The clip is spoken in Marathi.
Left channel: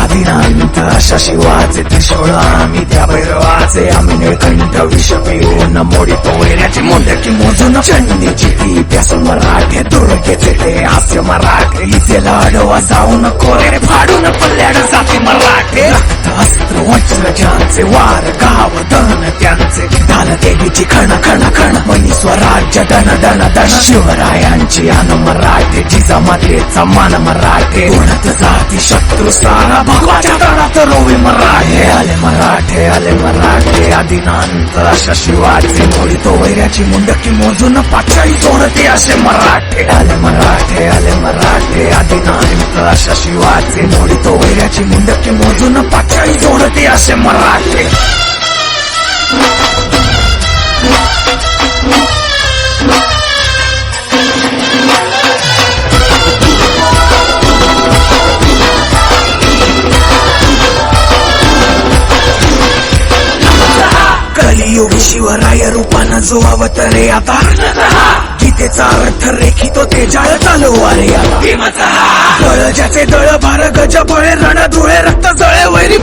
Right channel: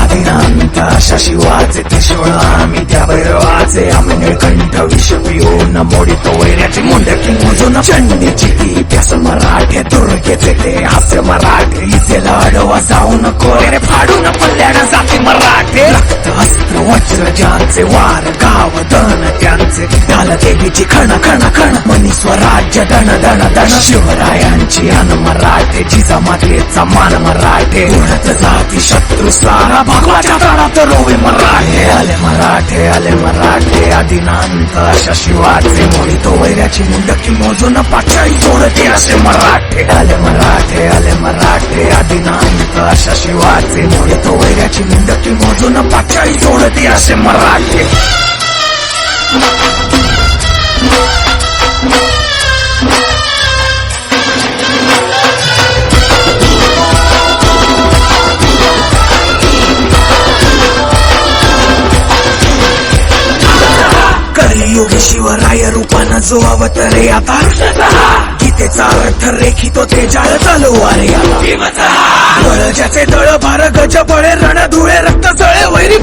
आदिनांत अशा शिवाचे त्रिशूळ आम्ही त्या भैरवाचे आम्ही निळकंठ विष पिऊन मोडितो वैऱ्याची मुंडकी मोजून चंडीची ती प्यास मराठे दुर्गेचे ते हास्य मराठे इचेला अडवा जाऊ नको रे फाडून पल्ल्याड जाती मराठे रक्त अस्त्र वज्र ज्यांचे वार गाव दन त्यांचे ढाल देवीची खण खण खण मनी स्वराज्य दण दण दण शिवरायांची अन मराठे जिजामातेचा मान मराठे उडत जाती शत्रू सारा भगवाच्या तळात रोवे मराठे आले मराठे आदिनांत अशा शिवाचे मोडितो वैऱ्याची मुंडकी मोजून पाचाई जोडते असे मराठे आले मराठे आदिनांत अशा शिवाचे मोडितो वैऱ्याची मुंडकी मोजून पाचाई जोडते असे मराठे कलियुगी शिवराय रूपानं जो अवतरे आता गीतेचा अर्थ रेखितो ते जाळ तलवारे आला बळ ज्याचे दळ भार गज बळे रण धुळे रक्त जळे वैरी